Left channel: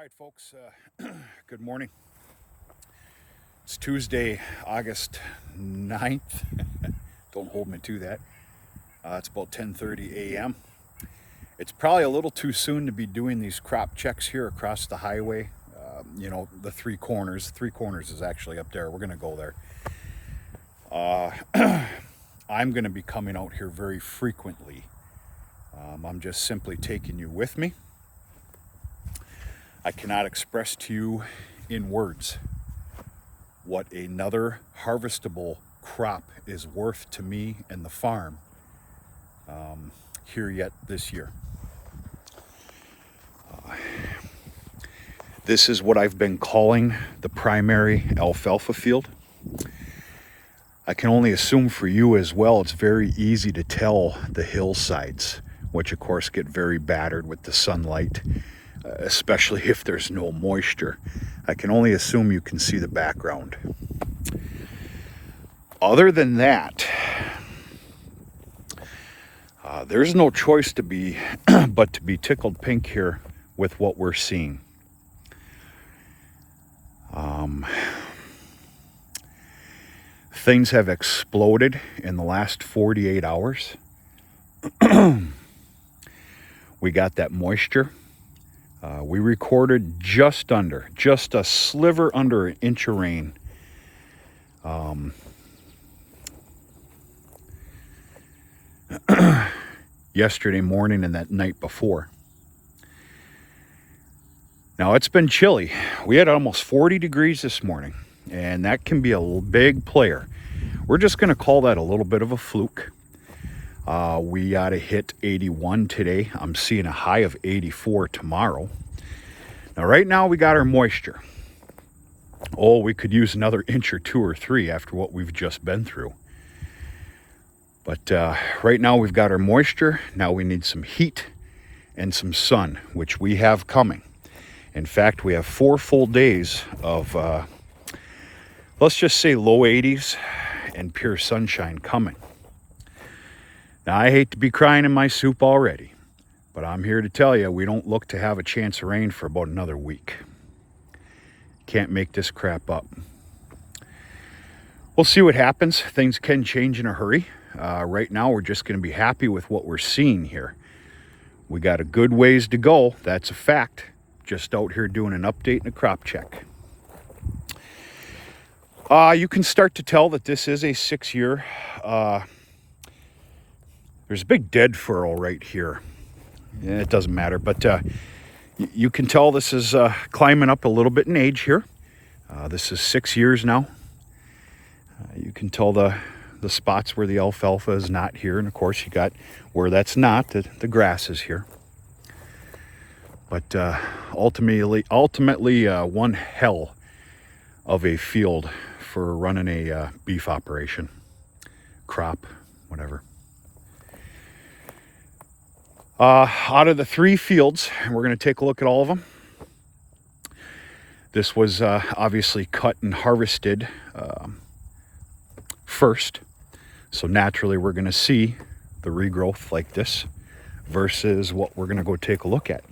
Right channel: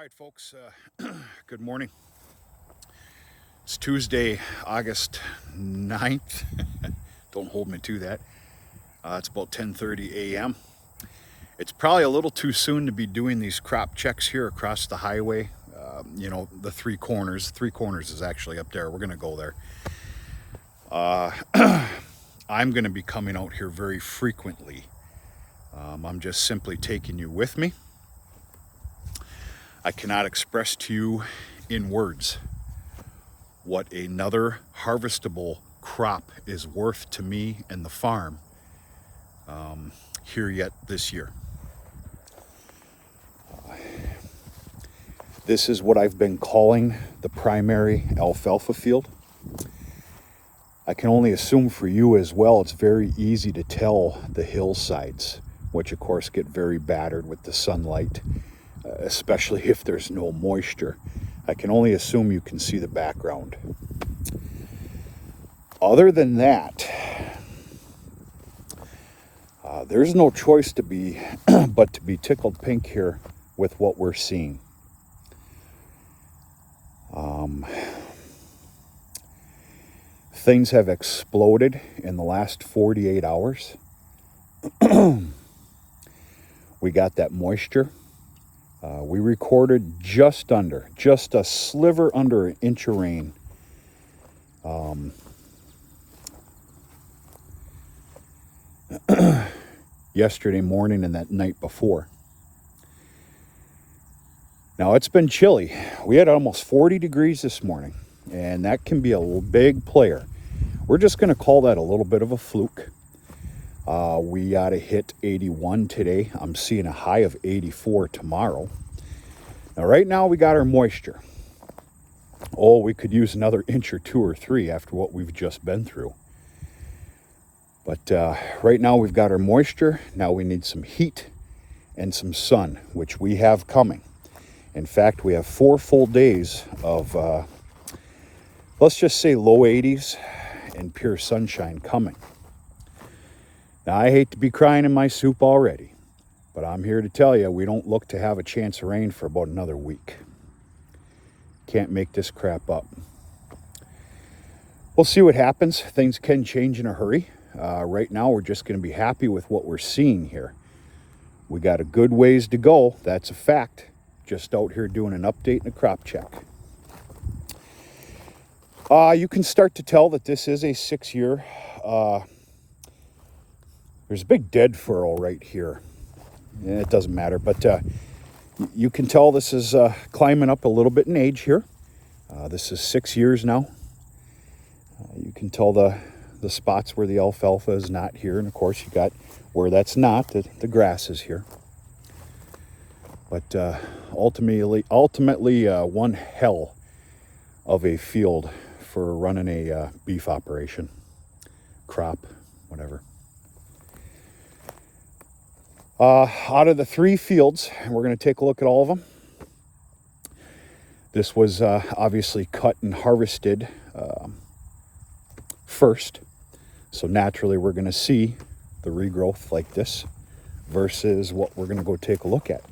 All right, folks, good morning. It's Tuesday, August 9th. Don't hold me to that. It's about 10:30 a.m. It's probably a little too soon to be doing these crop checks here across the highway. The three corners. Three corners is actually up there. We're going to go there. I'm going to be coming out here very frequently. I'm just simply taking you with me. I cannot express to you in words what another harvestable crop is worth to me and the farm here yet this year. This is what I've been calling the primary alfalfa field. I can only assume for you as well, it's very easy to tell the hillsides, which of course get very battered with the sunlight, especially if there's no moisture. I can only assume you can see the background. Other than that, there's no choice to be but to be tickled pink here with what we're seeing. Things have exploded in the last 48 hours. We got that moisture. We recorded just a sliver under an inch of rain. Yesterday morning and that night before. Now it's been chilly. We had almost 40 degrees this morning, and that can be a big player. We're just going to call that a little bit of a fluke. We ought to hit 81 today. I'm seeing a high of 84 tomorrow. Now, right now we got our moisture. Oh, we could use another inch or two or three after what we've just been through. But right now we've got our moisture. Now we need some heat and some sun, which we have coming. In fact, we have 4 full days of, let's just say low 80s and pure sunshine coming. Now, I hate to be crying in my soup already, but I'm here to tell you, we don't look to have a chance of rain for about another week. Can't make this crap up. We'll see what happens. Things can change in a hurry. Right now, we're just going to be happy with what we're seeing here. We got a good ways to go. That's a fact. Just out here doing an update and a crop check. You can start to tell that this is a 6-year. There's a big dead furrow right here. Yeah, it doesn't matter, but you can tell this is climbing up a little bit in age here. This is 6 years now. You can tell the spots where the alfalfa is not here, and of course you got where that's not, the grass is here. But ultimately one hell of a field for running a beef operation, crop, whatever. Out of the 3 fields, and we're going to take a look at all of them. This was obviously cut and harvested first. So naturally we're going to see the regrowth like this versus what we're going to go take a look at.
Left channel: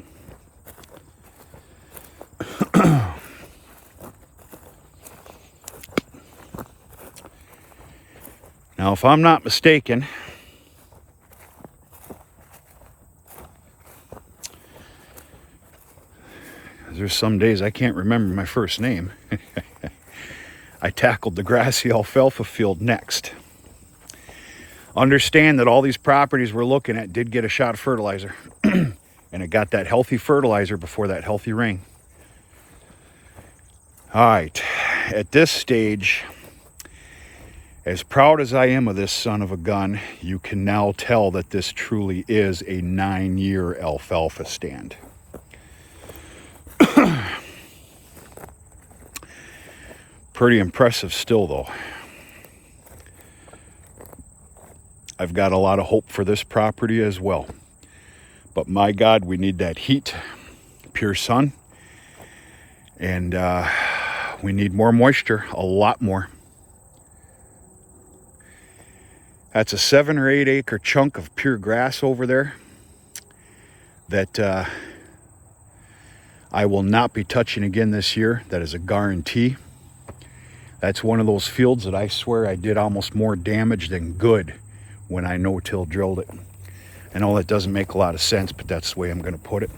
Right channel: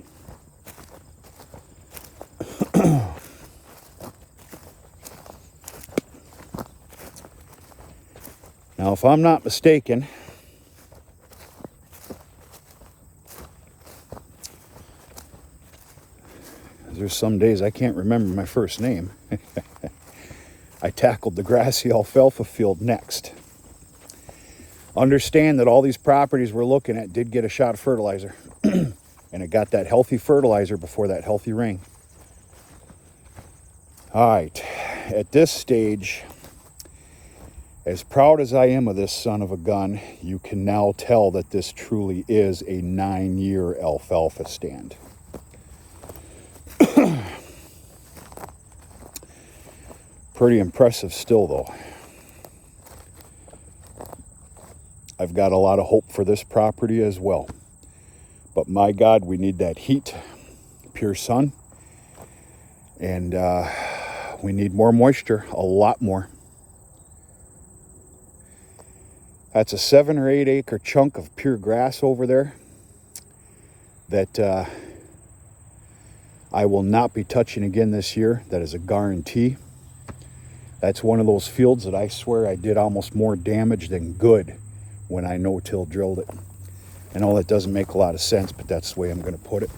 Now, if I'm not mistaken, there's some days I can't remember my first name. I tackled the grassy alfalfa field next. Understand that all these properties we're looking at did get a shot of fertilizer. And it got that healthy fertilizer before that healthy rain. All right, at this stage, as proud as I am of this son of a gun, you can now tell that this truly is a 9-year alfalfa stand. Pretty impressive still, though. I've got a lot of hope for this property as well. But my God, we need that heat, pure sun, and we need more moisture, a lot more. That's a 7 or 8 acre chunk of pure grass over there that I will not be touching again this year. That is a guarantee. That's one of those fields that I swear I did almost more damage than good when I no-till drilled it. I know that doesn't make a lot of sense, but that's the way I'm going to put it.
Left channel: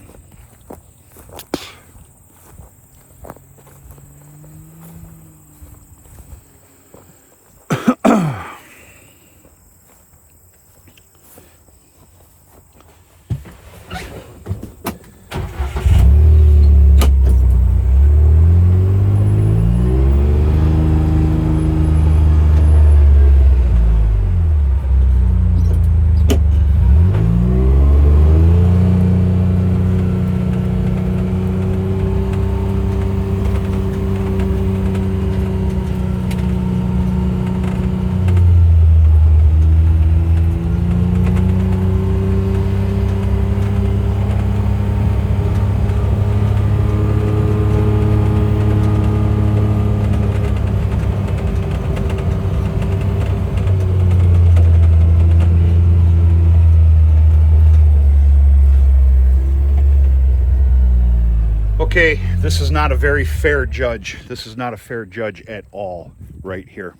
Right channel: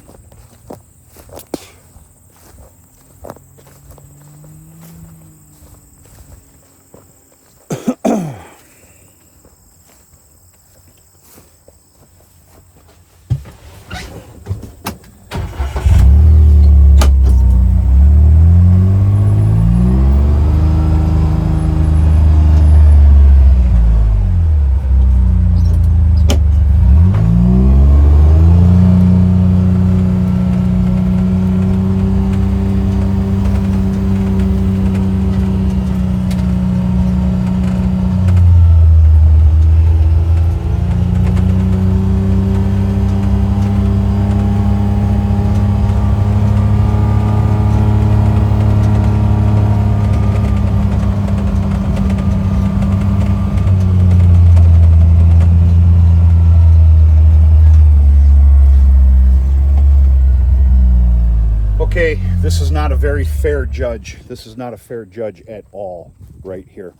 Okay, this is not a very fair judge. This is not a fair judge at all, right here.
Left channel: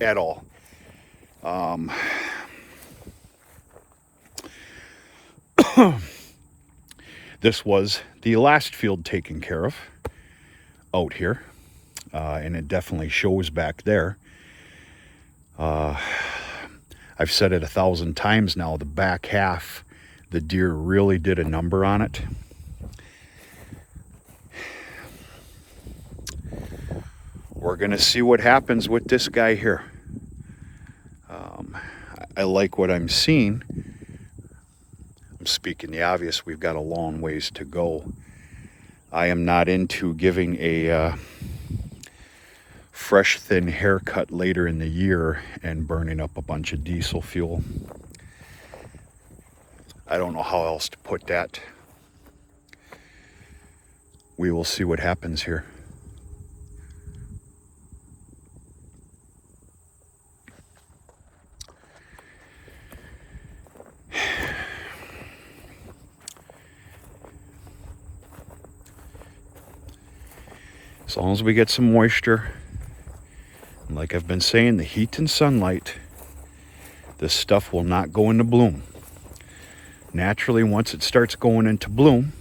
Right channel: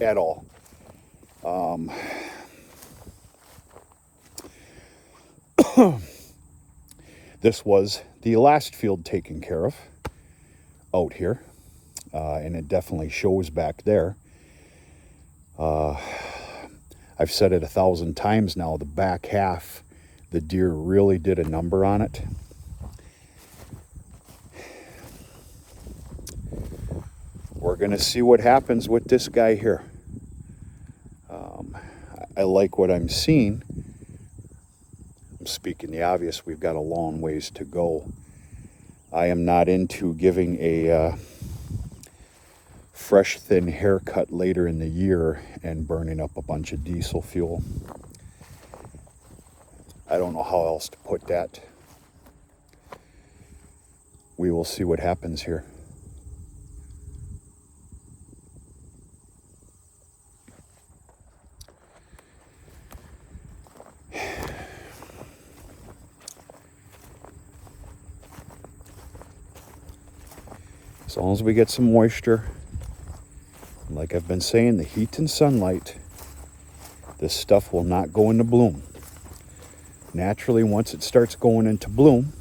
At all. This was the last field taken care of out here, and it definitely shows back there. I've said it 1,000 times now, the back half, the deer really did a number on it. We're gonna see what happens with this guy here. I like what I'm seeing. I'm speaking the obvious, we've got a long ways to go. I am not into giving a fresh thin haircut later in the year and burning up a bunch of diesel fuel. I don't know how else to put that. We will see what happens here. As long as we get some moisture, and like I've been saying, the heat and sunlight, this stuff will not go into bloom. Naturally, once it starts going into bloom,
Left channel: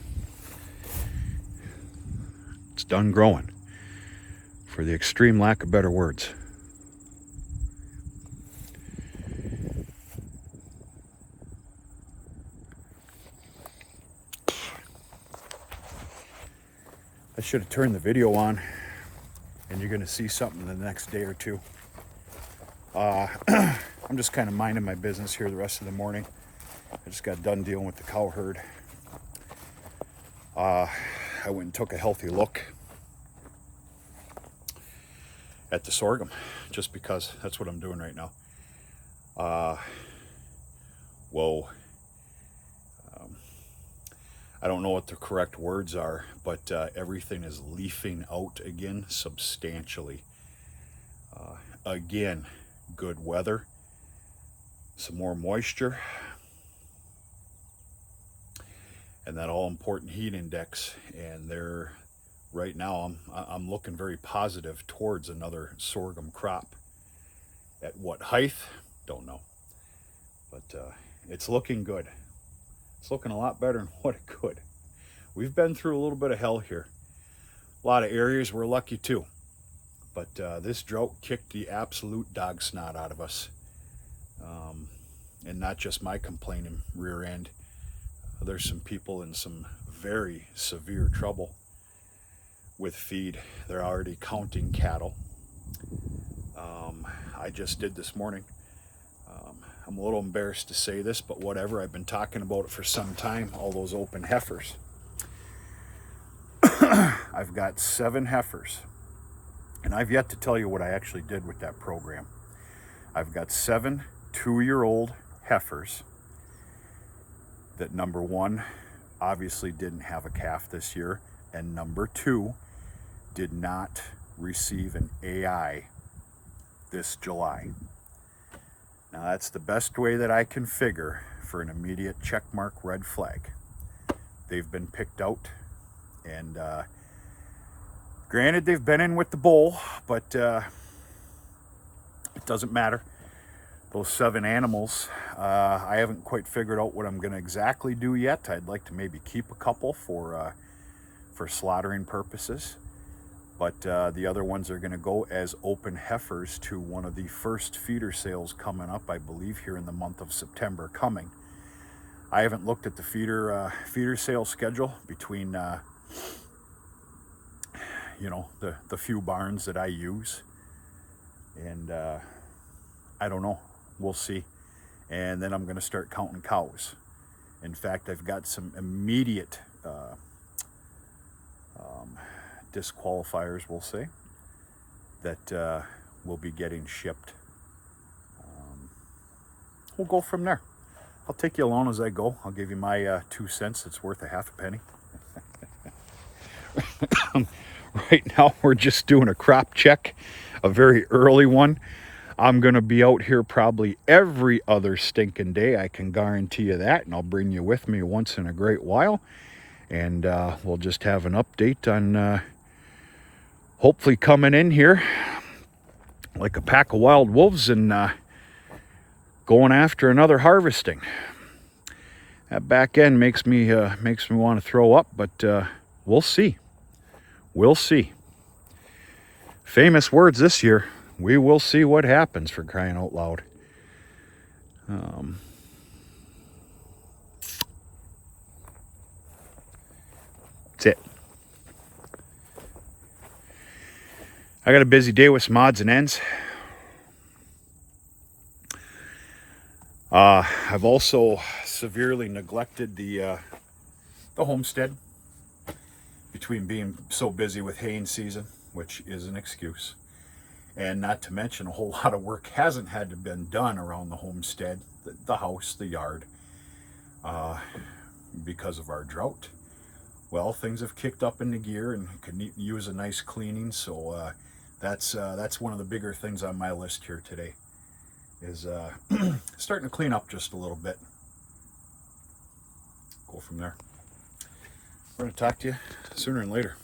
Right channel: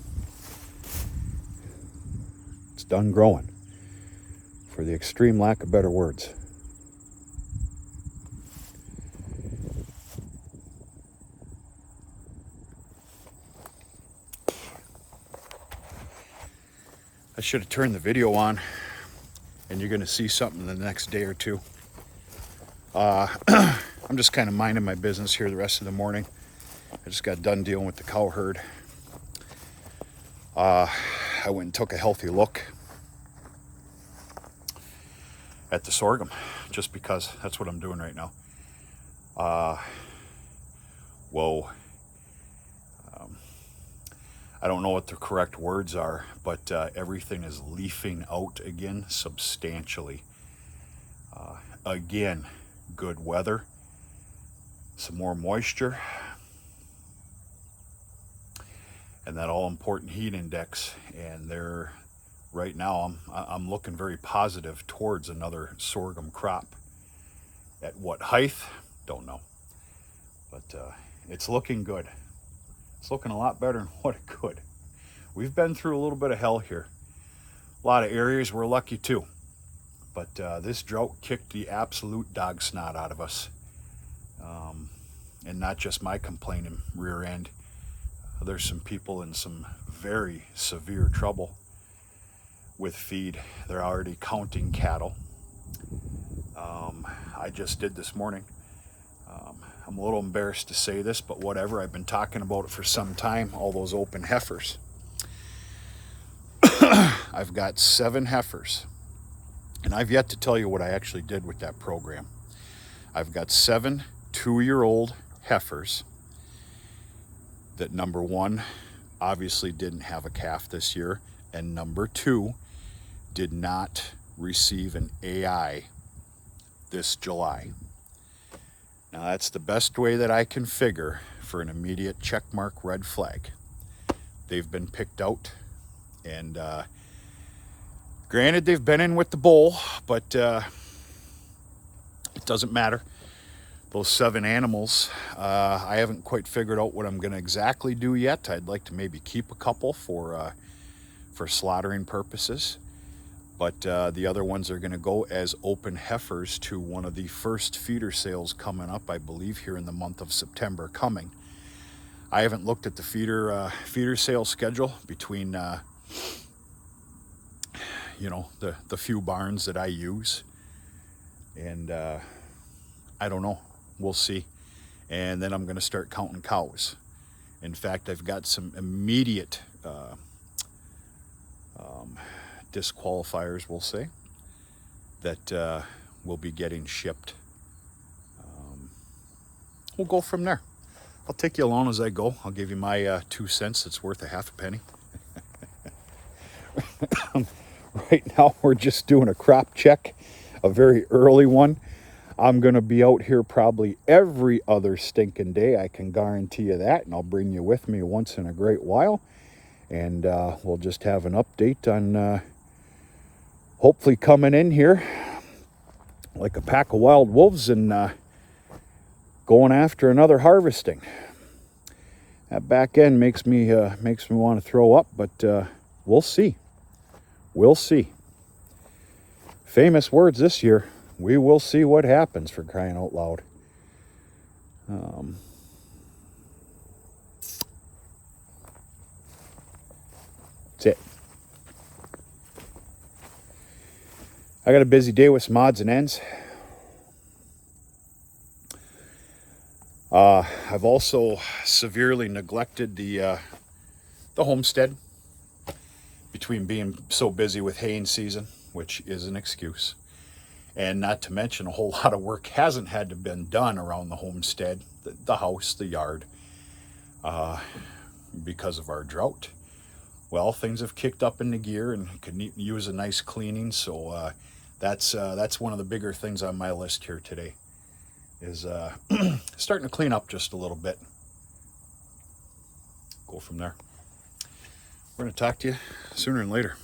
it's done growing, for the extreme lack of better words. I should have turned the video on, and you're going to see something the next day or two. I'm just kind of minding my business here the rest of the morning. I just got done dealing with the cow herd. I went and took a healthy look at the sorghum, just because that's what I'm doing right now. Whoa. I don't know what the correct words are, but everything is leafing out again substantially. Again, good weather, some more moisture, and that all-important heat index. And there, right now, I'm looking very positive towards another sorghum crop. At what height? Don't know, but it's looking good. It's looking a lot better than what it could. We've been through a little bit of hell here. A lot of areas we're lucky too. But this drought kicked the absolute dog snot out of us. And not just my complaining rear end. There's some people in some very severe trouble with feed. They're already counting cattle. I just did this morning. I'm a little embarrassed to say this, but whatever. I've been talking about it for some time, all those open heifers. I've got 7 heifers, and I've yet to tell you what I actually did with that program. I've got 7 2-year-old heifers that, number 1, obviously didn't have a calf this year, and number 2, did not receive an AI this July. Now that's the best way that I can figure for an immediate checkmark red flag. They've been picked out And granted, they've been in with the bull, but it doesn't matter. Those 7 animals, I haven't quite figured out what I'm going to exactly do yet. I'd like to maybe keep a couple for slaughtering purposes. But the other ones are going to go as open heifers to one of the first feeder sales coming up, I believe, here in the month of September coming. I haven't looked at the feeder sale schedule between, you know, the few barns that I use. And I don't know. We'll see. And then I'm going to start counting cows. In fact, I've got some immediate disqualifiers, we'll say, that will be getting shipped. We'll go from there. I'll take you along as I go. I'll give you my 2 cents. It's worth a half a penny. Right now, we're just doing a crop check, a very early one. I'm going to be out here probably every other stinking day. I can guarantee you that, and I'll bring you with me once in a great while. And we'll just have an update on hopefully coming in here like a pack of wild wolves and going after another harvesting. That back end makes me want to throw up, but we'll see. We'll see. Famous words this year. We will see what happens, for crying out loud. That's it. I got a busy day with some odds and ends. I've also severely neglected the homestead between being so busy with haying season, which is an excuse. And not to mention, a whole lot of work hasn't had to been done around the homestead, the house, the yard, because of our drought. Well, things have kicked up into gear and could use a nice cleaning. So that's one of the bigger things on my list here today, is starting to clean up just a little bit. Go from there. We're going to talk to you sooner than later.